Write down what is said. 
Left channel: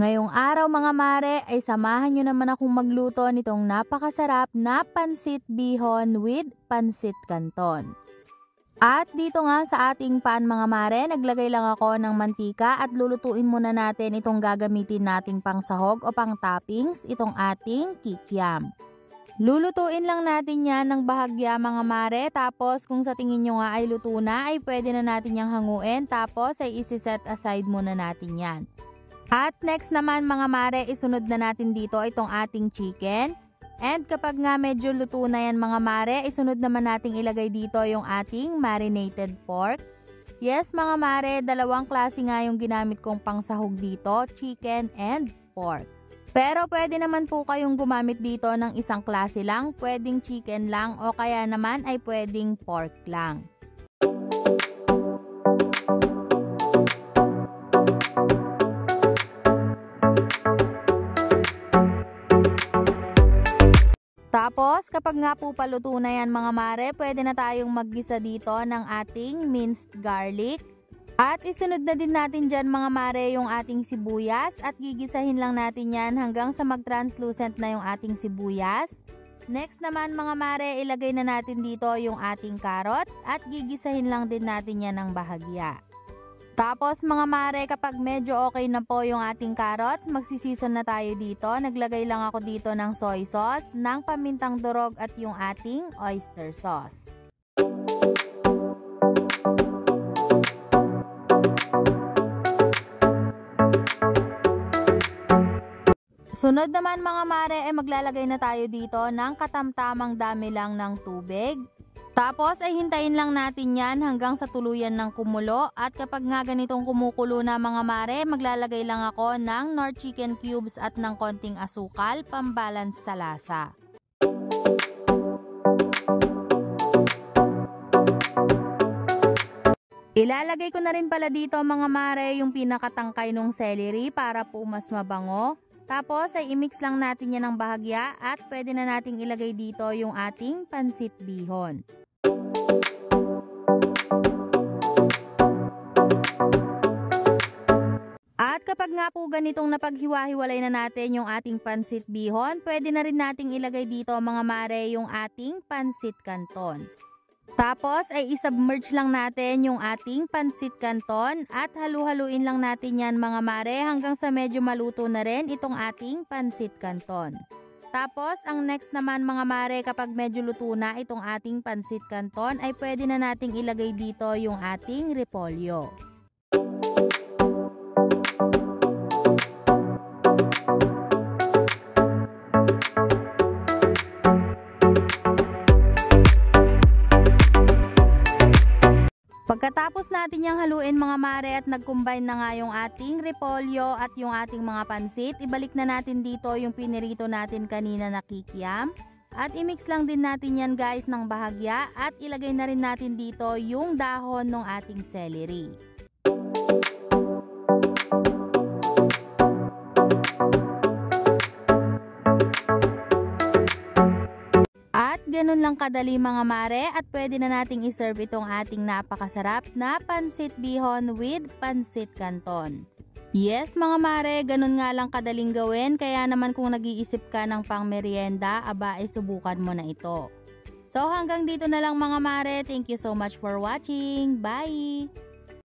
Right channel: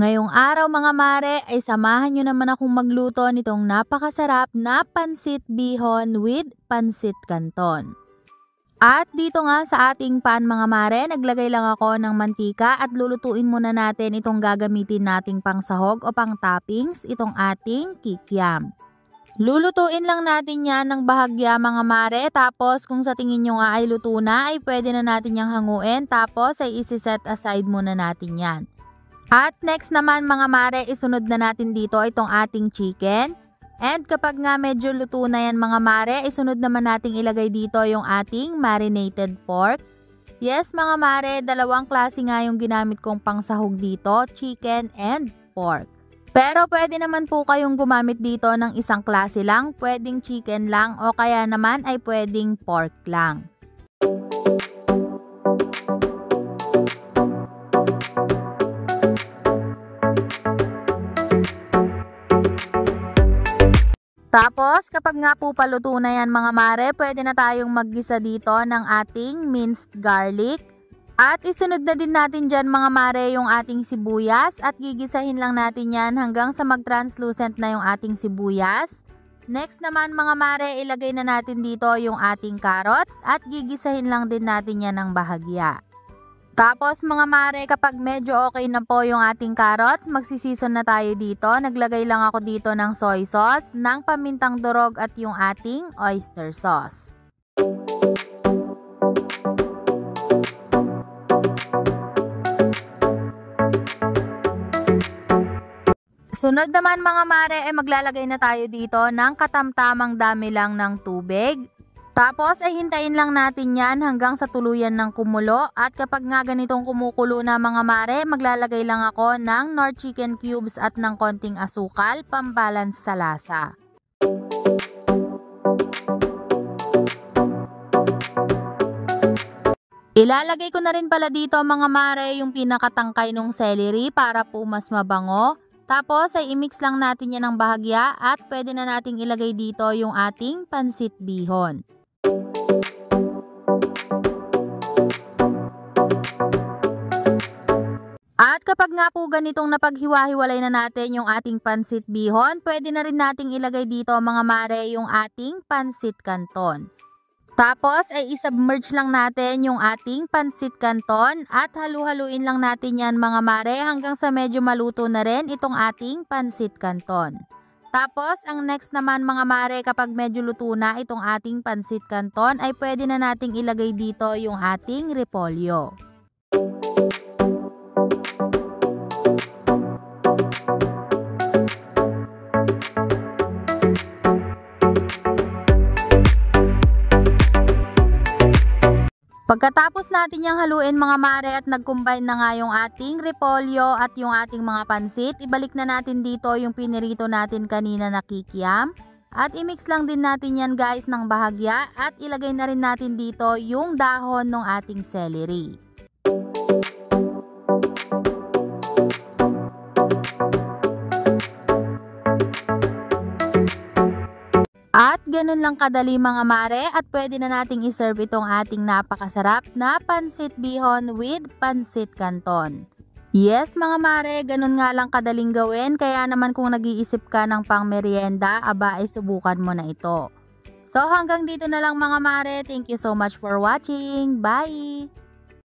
Ngayong araw mga mare ay samahan nyo naman akong magluto nitong napakasarap na pansit bihon with pansit canton. At dito nga sa ating pan mga mare, naglagay lang ako ng mantika at lulutuin muna natin itong gagamitin nating pangsahog o pang toppings, itong ating kikiam. Lulutuin lang natin yan ng bahagya mga mare, tapos kung sa tingin nyo nga ay luto na ay pwede na natin yang hanguin, tapos ay isi-set aside muna natin yan. At next naman mga mare, isunod na natin dito itong ating chicken. And kapag nga medyo luto na yan mga mare, isunod naman nating ilagay dito yung ating marinated pork. Yes mga mare, dalawang klase nga yung ginamit kong pangsahog dito, chicken and pork. Pero pwede naman po kayong gumamit dito ng isang klase lang, pwedeng chicken lang o kaya naman ay pwedeng pork lang. Tapos kapag nga po paluto na yan mga mare, pwede na tayong maggisa dito ng ating minced garlic. At isunod na din natin dyan mga mare yung ating sibuyas at gigisahin lang natin yan hanggang sa mag-translucent na yung ating sibuyas. Next naman mga mare, ilagay na natin dito yung ating carrots at gigisahin lang din natin yan ng bahagya. Tapos mga mare, kapag medyo okay na po yung ating carrots, magsisison na tayo dito. Naglagay lang ako dito ng soy sauce, ng pamintang durog at yung ating oyster sauce. Sunod naman mga mare, maglalagay na tayo dito ng katamtamang dami lang ng tubig. Tapos ay hintayin lang natin yan hanggang sa tuluyan ng kumulo, at kapag nga ganitong kumukulo na mga mare, maglalagay lang ako ng Knorr chicken cubes at ng konting asukal, pambalance sa lasa. Ilalagay ko na rin pala dito mga mare yung pinakatangkay ng celery para po mas mabango. Tapos ay i-mix lang natin yan ng bahagya at pwede na nating ilagay dito yung ating pansit bihon. At kapag nga po ganitong napaghiwa-hiwalay na natin yung ating pansit bihon, pwede na rin nating ilagay dito mga mare yung ating pansit canton. Tapos ay isubmerge lang natin yung ating pansit canton at halu-haluin lang natin yan mga mare hanggang sa medyo maluto na rin itong ating pansit canton. Tapos ang next naman mga mare, kapag medyo luto na itong ating pansit canton ay pwede na nating ilagay dito yung ating repolyo. Pagkatapos natin yung haluin mga mare at nag-combine na nga yung ating repolyo at yung ating mga pansit, ibalik na natin dito yung pinirito natin kanina na kikiam. At i-mix lang din natin yan guys ng bahagya at ilagay na rin natin dito yung dahon ng ating celery. At ganun lang kadali mga mare at pwede na nating iserve itong ating napakasarap na pansit bihon with pansit canton. Yes mga mare, ganun nga lang kadaling gawin, kaya naman kung nag-iisip ka ng pang merienda, aba ay subukan mo na ito. So hanggang dito na lang mga mare, thank you so much for watching, bye!